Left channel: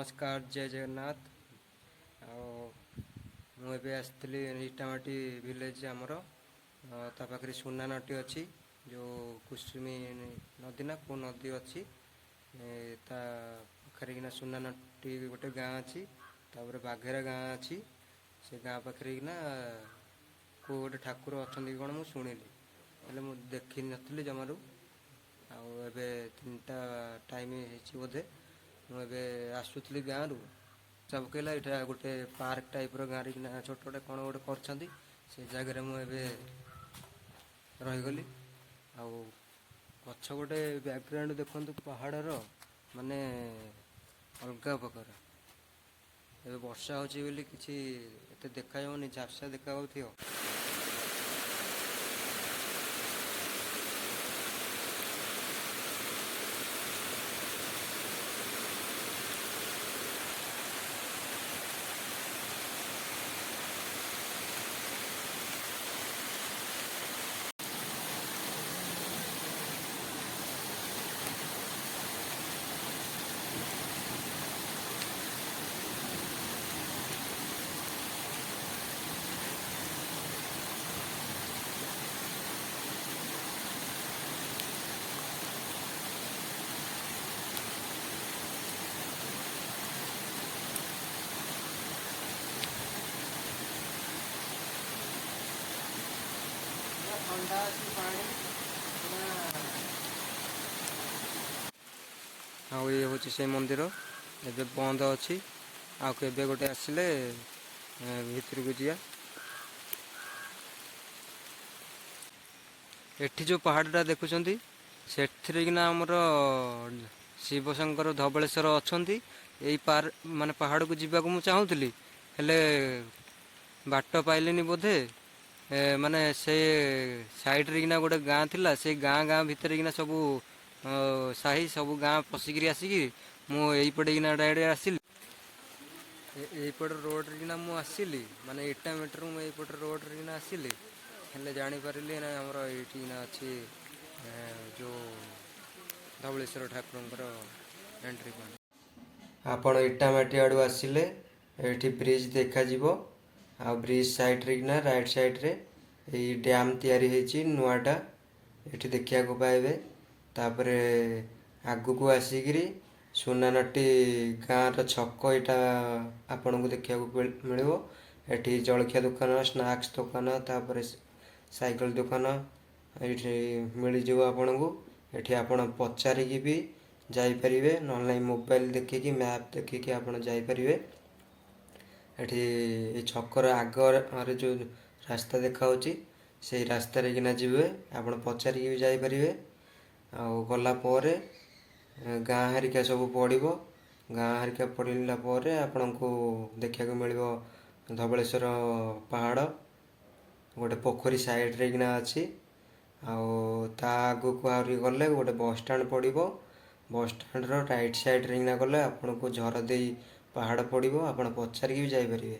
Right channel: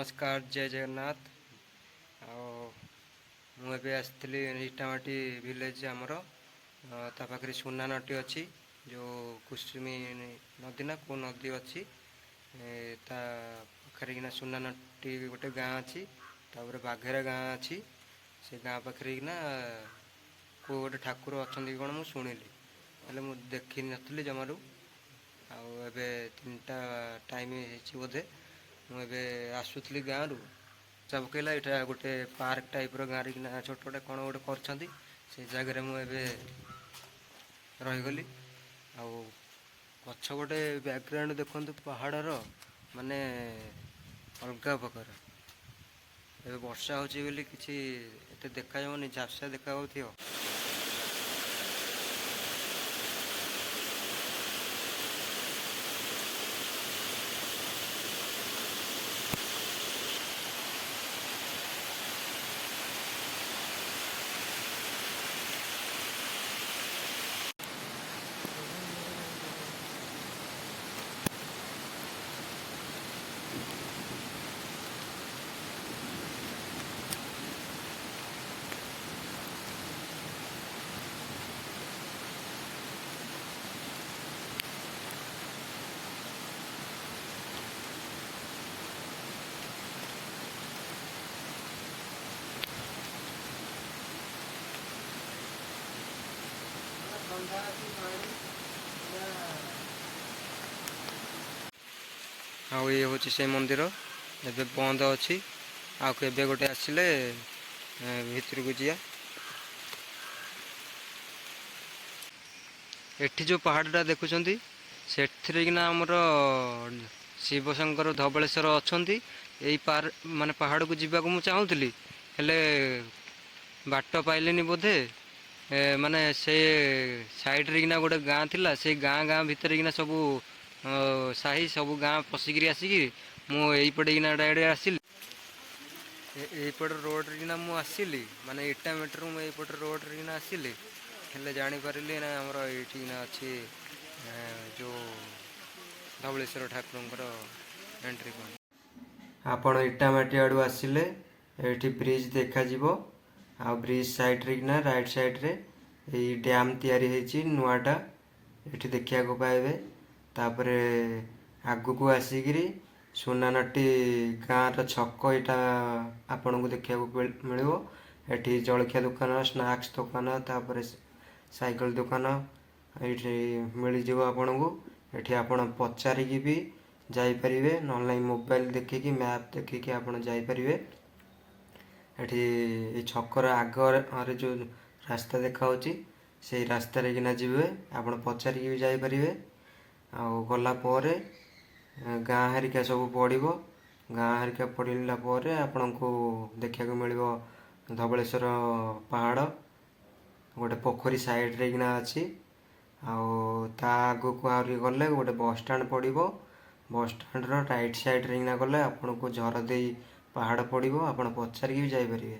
नमस्कार जय जगन्नाथ। मुझे आसती इटामाटी विलेज आमर ता पाखे सुना नटी अच्छी जो कुसुमी नदी ना कौ नदी अच्छी ता पाखे किना सुना नटी गोटे गाँ अच्छी तापर बाघेरा गाँ अच्छी से गाँ पाखे किना कौ गोटे ठाकुर अच्छा कौन मुझे शुणिली हेल्ले मुझे देखी नी जमारू आबे 3टा टाइम बोधे मुझे आसुली गाँव रु सब पकेला यहाँ गोटे पार्क टाइप गाँव किना छोट छोटे कौन गोटे कर से जगह मुझे रहीगली पछ गोटे बैकग्राउंड देखु पहाड़र माने अलग प्रकार ए वर्षा होची बोली किसी एते देखा जाऊनी झापसा देखा हो। हाँ ये हूँ से मंदिर एबे बंद अच्छी आके गोटे आसिले भितर को जा एठी जो पहाड़टा देखुं से आमर शिवशंकर धबलेश्वर अच्छा यही पार माने पहाड़ को जीवा को चाहूली हेले बाट पाइलिनी बोधे माने से साइड्रे किना गोटे गाँ थिला से गाँ गाँ भितर किना सबू साही सबू गाँ पशिकी आसिकी मुझे किना डायरेक्ट आसिली यहीपट रोड किना मु आसिली माने इटा मीटर मुझे रोड किना आसिली हेले जानीपारे ना आमर ये अच्छी जो धवलेश्वर ठाकुर एंट्री पॉइंट आपण इटामाटी आड़ू आसिले ये ब्रिज देखा आ ब्रिज साइड्रे किना राइट साइड्रे ये डैम तैयारी नुआटा ये देखा पाइबे तापर आगु को आसिकी सुनानटी गाँव छक यहाँ आपण को देखा मिलो ये जलखिया दुकान स्नैक्स दुकान तापर साइकेल दुकान ये मिलज आपण को ये आपण पचारिकी भी जापरें ना मोबाइल देखिकी मैप देखिकी आप जापरें ये छकर आगे जो रास्ता देखा से रास्तार किना जी आप पचारिकी भी जापरें गला गाँ हरिका सब पड़ो गाँ हरिका पड़ला आपण को देखा मिलो धवलेश्वर पहाड़ गोटे पोखरी साइड्रे किना अच्छी आगू को आहरी गले गोटे बस स्टाण पड़ो बस स्टाण राइट साइड्रे किना गले आपन को झरदे पहाड़ पड़ो आप पचारिकी भी जापरें।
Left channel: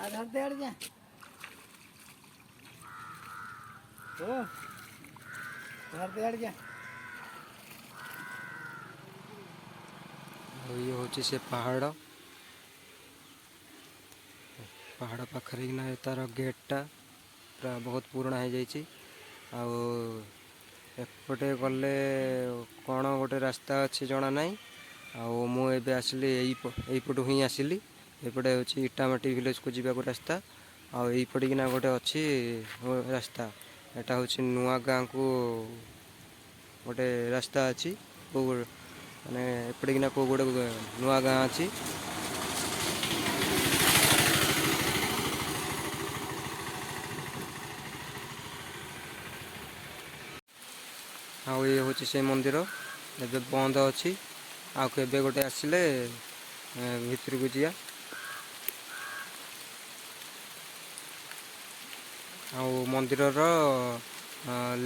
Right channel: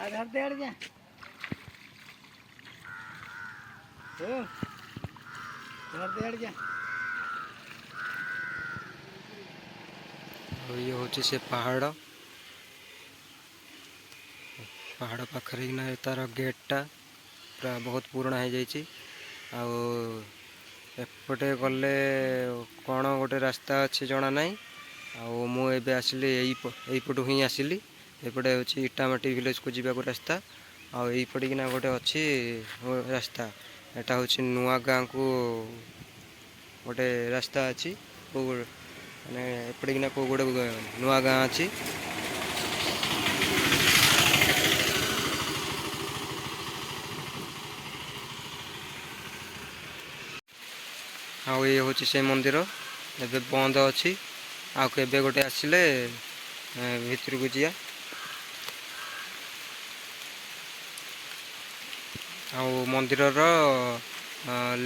आधार दे अड़ जा आधार दे अड़ जा ये हूँ से पहाड़ पहाड़ पाखे तार गेटा पूरा बहुत पुराना हो जापटे गले कौन गोटे रास्ता अच्छे जना ना मुझे आसिली यहीपटू ही आसिली एपटे हूँ इटामाटी विलेज को जावाक रास्ता आईपटे किना गोटे अच्छी रास्ता ଏଟା ହେଉଛି ନୂଆ ଗାଁକୁ ଗୋଟେ ରାସ୍ତା ଅଛି, କେଉଁ ମାନେ ଏପଟେ କେଉଁ ଗୋଟେ ନୂଆ ଗାଁ ଅଛି। ଆଉ ଇଏ ହେଉଛି ସେ ମନ୍ଦିର, ଏବେ ବନ୍ଦ ଅଛି। ଆଉ କେବେ ଗୋଟେ ଆସିଲେ ଭିତରକୁ ଯିବା। ଆଉ ମନ୍ଦିରର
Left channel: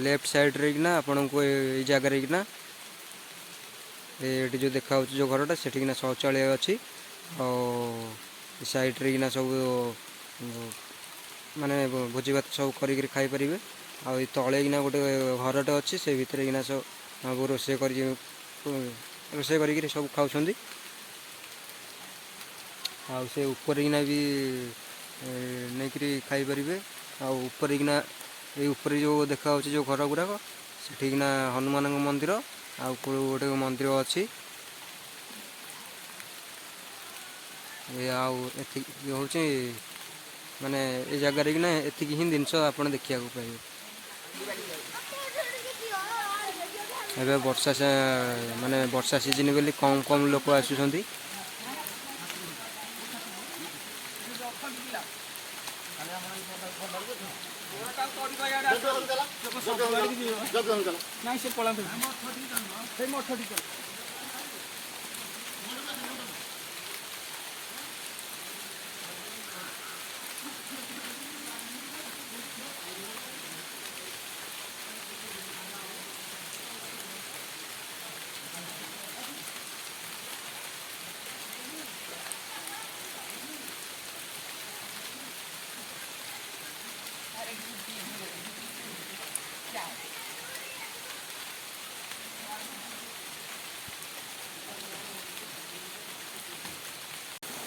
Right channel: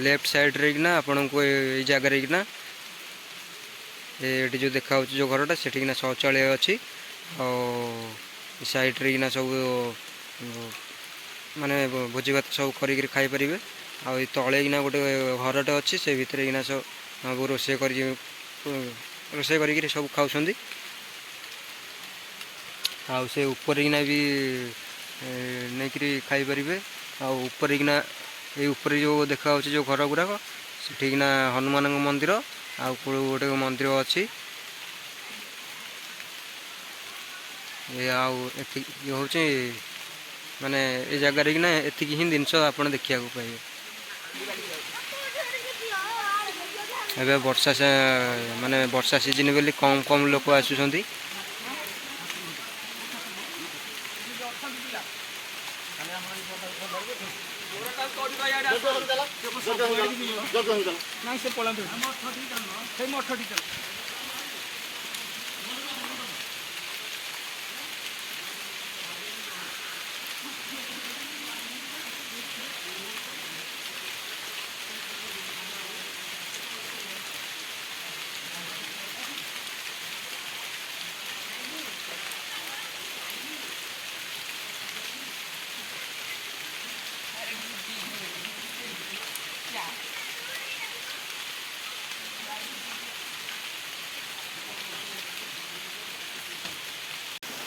ଲେଫ୍ଟ ସାଇଡ଼୍ରେ କିନା ଆପଣଙ୍କୁ ଏଇ ଜାଗାରେ କିନା ଏଠି ଯେଉଁ ଦେଖାହେଉଛି ଯେଉଁ ଘରଟା ସେଠିକିନା ଶୌଚାଳୟ ଅଛି। ଆଉ ସାଇଡ଼୍ରେ କିନା ସବୁ ମାନେ ଭୋଜି ଭାତ ସବୁ କରିକିରି ଖାଇପାରିବେ। ଆଉ ଏଇ ତଳେ କିନା ଗୋଟେ ଘରଟେ ଅଛି, ସେ ଭିତରେ କିନା ସବୁ ରୋଷେଇ କରିକିରି ସବୁ ଖାଉଛନ୍ତି। ଆଉ ସେ ଉପରେ କିନା ବି ନେଇକିରି ଖାଇପାରିବେ। ଆଉ ଉପରେ କିନା ଏଇ ଉପରେ ଯେଉଁ ଦେଖାହେଉଛି ଯେଉଁ ଘର ଗୁଡ଼ାକ ସେଠିକିନା ହନୁମାନଙ୍କ ମନ୍ଦିର ଆଉ କେଉଁ ଗୋଟେ ମନ୍ଦିର ଅଛି। ଆଉ ଏତିକି ହେଉଛି ମାନେ ଏ ଜାଗାରେ କିନା ଏତିକି ହିଁ ଜିନିଷ ଆପଣ ଦେଖିବାକୁ ପାଇବେ। ଏବେ ମାନେ ବର୍ଷା ସିଜିନ୍ ବୋଲି କମ୍ ଲୋକ ଆସୁଛନ୍ତି।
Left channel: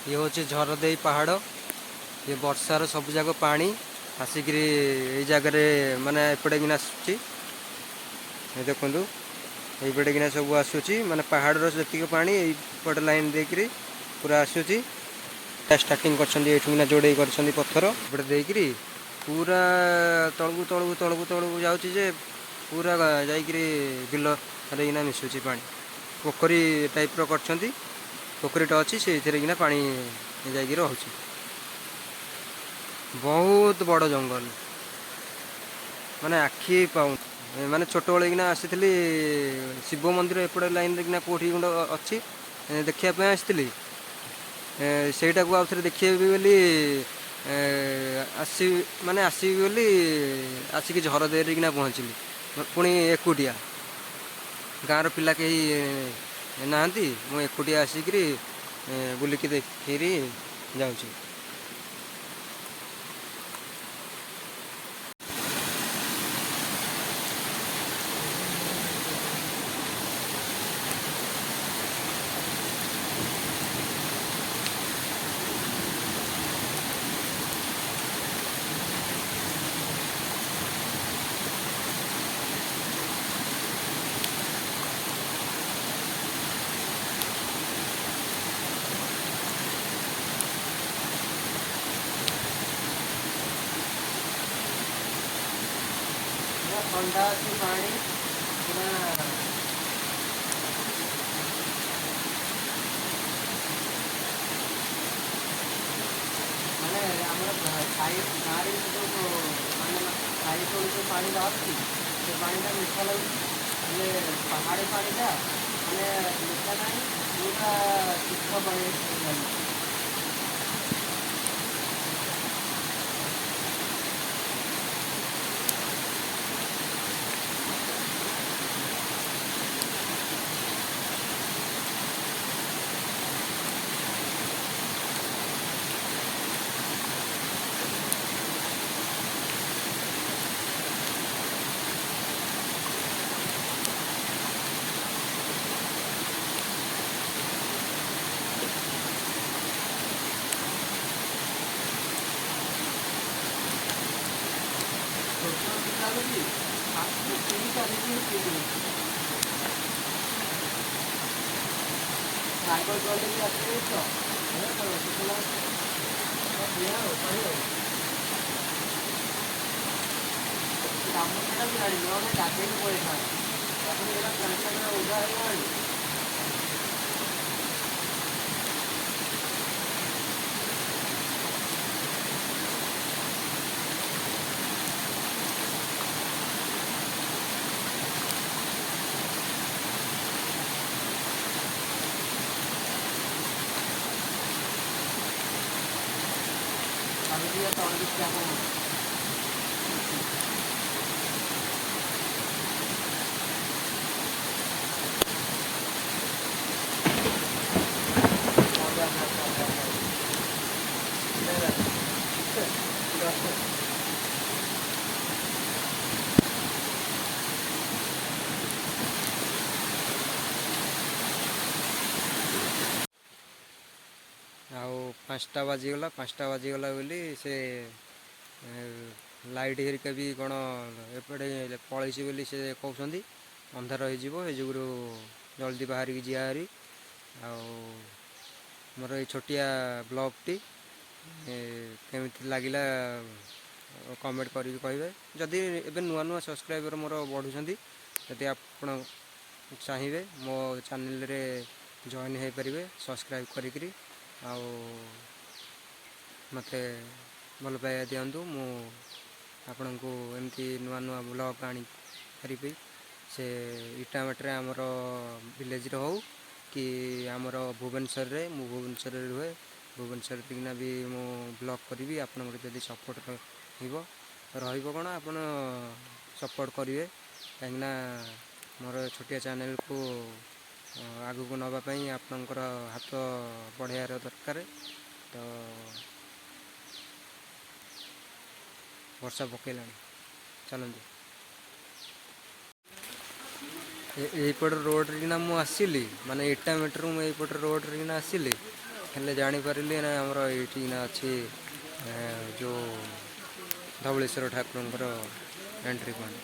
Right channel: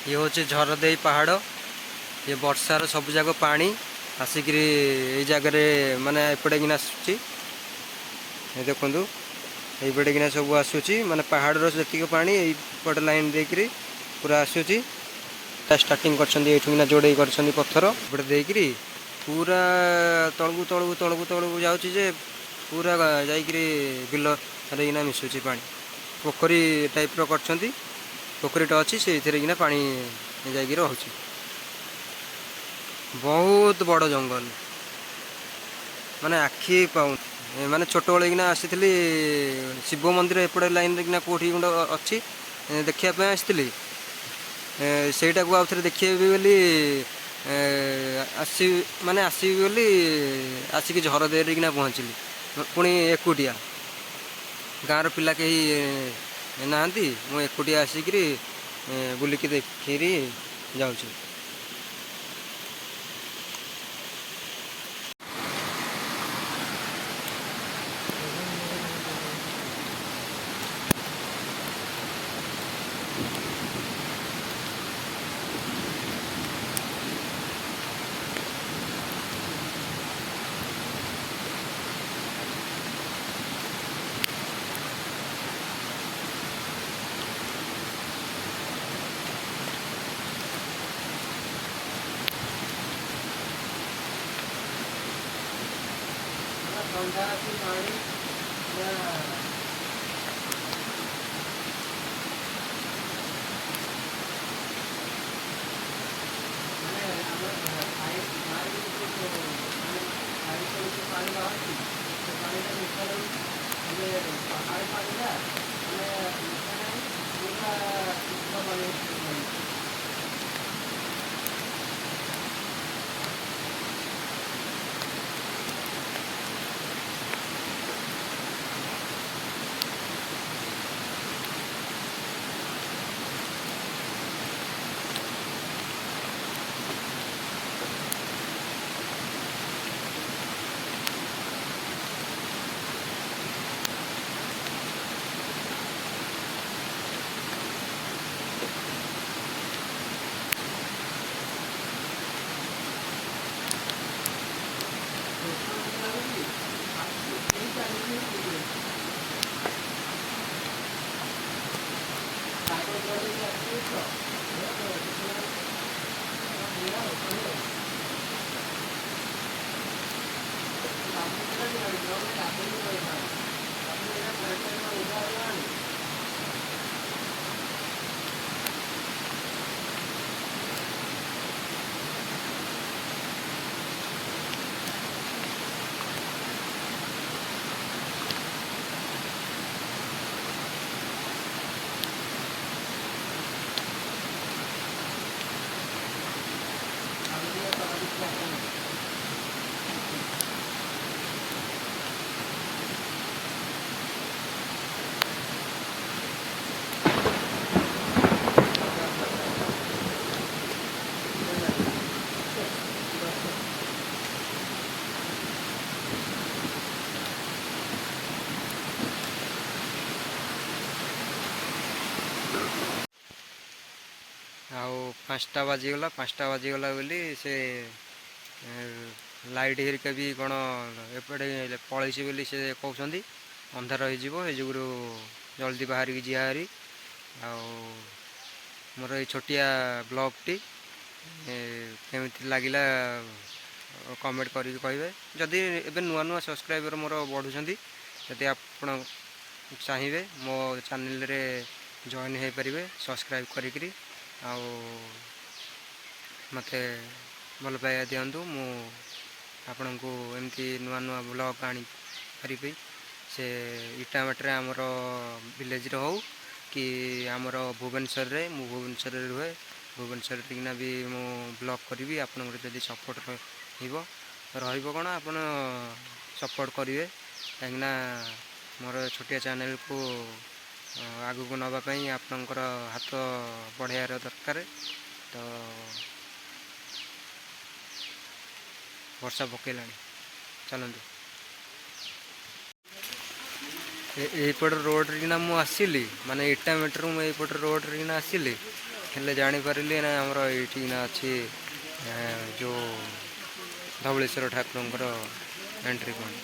ଇଏ ହେଉଛି ଝରଦେଇ ପାହାଡ଼। ଇଏ ବର୍ଷାର ସବୁ ଯାକ ପାଣି ଆସିକିରି ଏଇ ଜାଗାରେ ମାନେ ଏପଟେ କିନା ଆସୁଛି। ଦେଖନ୍ତୁ ଏଇପଟେ କିନା ସବୁ ଆସୁଛି, ମାନେ ପାହାଡ଼ର ଯେତିକି ପାଣି ଏଇପଟ ଲାଇନ୍ ଦେଇକିରି ପୁରା ଆସୁଛି। ଷ୍ଟାର୍ଟିଂ କରିଛନ୍ତି ଏଇଠୁ କିନା ଯୋଡ଼େଇ କରିଛନ୍ତି ପଥର ଏପଟେ ଦେଇକିରି ପୁରା ତଳକୁ ଯାଉଛି ଯେ ପୁରା ଯାଇକିରି ବିଲରେ କିନା ମିଶୁଛି ପାଣି। ପୋଖରୀ ଟାଇପ୍ର କରିଛନ୍ତି, ପୋଖରୀଟା ଅଛି ସେଇଥିରେ କିନା ପାଣି ଯାଇକି ରହୁଛି। ବହୁତ ବଡ଼ ଜଙ୍ଗଲ, ମାନେ ଆଖି ପାଉନି। ମାନେ ଛୋଟବେଳେ କିନା ଆସିଥିଲି ଶିବ ମନ୍ଦିର ଏପଟେ ଲାଇନ୍ରେ କିନା କେଉଁଠି ଗୋଟେ ଅଛି ଦେଖିବା ପାଇଁ ଆସିଥିଲି। ସେଇଟାକୁ ଆଉ ଥରେ ଦେଖିବି ବୋଲି ଆସିବି ବୋଲି ଆସିକି ଝରଦେଇରେ କିନା ପହଞ୍ଚିଲି। ପୁଣି ଏକୁଟିଆ, ଗାଁର ପିଲା କେହି ନାହାନ୍ତି, ମୁଁ ଏକୁଟିଆ ଆସିକିରି ବୁଲିକି ଦେଖିକିରି ଯାଉଛି। ଥଣ୍ଡା ଅଛି ପାଣି ମାନେ ଆମର ଗାଁରେ ମାନେ ପାଣି ବାହାରୁଛି, ସେ ପାଣିଟା ମିଠା ଲାଗୁଛି। ମାନେ ପାହାଡ଼ି ପାଣିଟା ମାନେ ମିଠା ନାହିଁ, ପୁରା ଶୁଦ୍ଧ ପାଣି ଲାଗୁଛି। ଆଉ 5ଟା ବାଜିଗଲା ବୋଲି ସେ ଲାଇଟ୍ ହେରିକା ବି କ'ଣ ଏପଟେ ପଳେଇଛି ବୋଲି ସେ କହୁଛନ୍ତି, ଅନ୍ଧାର ହେଇଯିବ, ଏ ଯୋଗୁରୁ ଜଲ୍ଦି ବାହାରିକି ଯିବା ହାରି। ଆଉ ମୋର ଏଇ ଛୋଟିଆ ବ୍ଲଗ୍ଟି କେମିତି ଲାଗିଲା କମେଣ୍ଟ କରିକି କହିବେ। ଯଦି ଏବେ ନୂଆ ନୂଆ ସବସ୍କ୍ରାଇବର୍ ମୋର ବଢ଼ୁଛନ୍ତି, ଯଦି ଆପଣ ଚାହିଁବେ ମୋ ଚ୍ୟାନେଲ୍ରେ ଜଏନ୍ ହେଇପାରିବେ ସବସ୍କ୍ରାଇବ୍ କରିକିରି। ଆଉ ମୋତେ ଭଲ ପାଇବା ଦିଅନ୍ତୁ, ମୁଁ ଆପଣଙ୍କୁ ଏମିତି ନୂଆ ନୂଆ ବ୍ଲଗ୍ ଆଣିପାରିବି। ସେ ଇଟାମାଟିରେ ଆମର ଭିଲେଜ୍ରେ ହଉ କି ଆମର ଭୁବନେଶ୍ୱରରେ, ମୁଁ ଭୁବନେଶ୍ୱରରେ ରୁହେ, ଭୁବନେଶ୍ୱରରେ କିନା ବି ମୁଁ ବ୍ଲଗ୍ କରିବି। ଆପଣଙ୍କର ଯଦି ସପୋର୍ଟ ରହିବ କ'ଣ, ଆପଣ ସପୋର୍ଟ କରିବେ, କାହିଁକିନା ମୋର ଛୋଟିଆ ଚ୍ୟାନେଲ୍କୁ ଆଗକୁ ନେବା ପାଇଁ ଆପଣଙ୍କର ହାତ ବଢ଼େଇବାର ଦରକାର। ତ ବର୍ଷା ପକେଇଲାଣି, ଚାଲନ୍ତୁ। ଏଇପଟ ରୋଡ଼ରେ କିନା ମୁଁ ଆସିଲି, ମାନେ ଇଟାମାଟିରୁ ମୁଁ ଏଇପଟ ରୋଡ଼ରେ କିନା ଆସିଲି, ହେଲେ ଜାଣିପାରିଲି ନା ଆମର ଏଇଠି କିନା ଅଛି ଯେଉଁ ଧବଳେଶ୍ୱର ଠାକୁରଙ୍କର ଏଣ୍ଟ୍ରି ପଏଣ୍ଟ।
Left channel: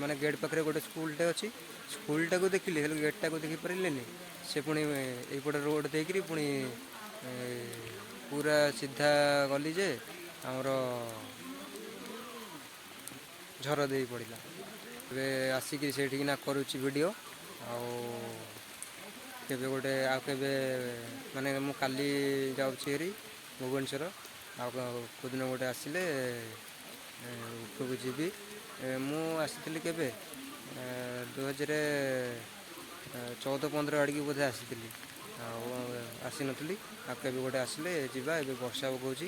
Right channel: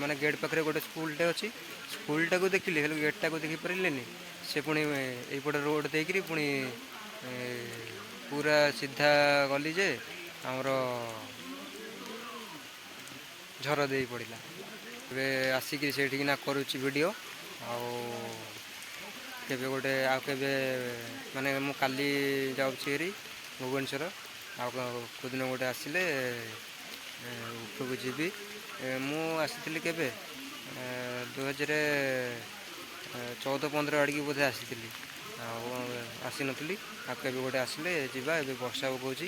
ମାନେ ଗେଟ୍ ପାଖରେ ଗୋଟେ ସ୍କୁଲଟେ ଅଛି, ସ୍କୁଲଟାକୁ ଦେଖିଲି, ହେଲେ ଗେଟ୍ଟାକୁ ଦେଖିପାରିଲିନି। ସେ ପୁଣି ଏଇପଟେ ରୋଡ଼ ଦେଇକିରି ପୁଣି ପୁରା ସିଧା ଗଲି ଯେ ଆମର ଝର ଦେଇ ପଡ଼ିଲା। ଏବେ ଆସିକି ସେଇଠିକିନା କରୁଛି ଭିଡ଼ିଓ। ଆଉ କେବେ ମାନେ ମୁଁ କାଲି ଯାଉଛି ହେରି ଭୁବନେଶ୍ୱର, ଆଉ କେଉଁଦିନ ଗୋଟେ ଆସିଲେ ଉପରକୁ ଯିବି। ମୁଁ ଆସିଥିଲି କେବେ 2014-15 ଆଡ଼ିକି ବୋଧେ ଆସିଥିଲି, ଆଉ ଆସିନଥିଲି। ଆଉ କେବେ ଗୋଟେ ଆସିଲେ ଯିବା। ଏବେ ବର୍ଷା ପକାଉଛି,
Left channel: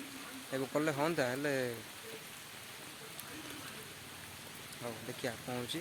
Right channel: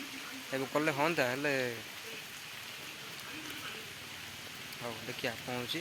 ଏବେ କଲେ ହୁଅନ୍ତା, ହେଲେ ହଉ ଦେଖିବା କ'ଣ ହେଉଛି।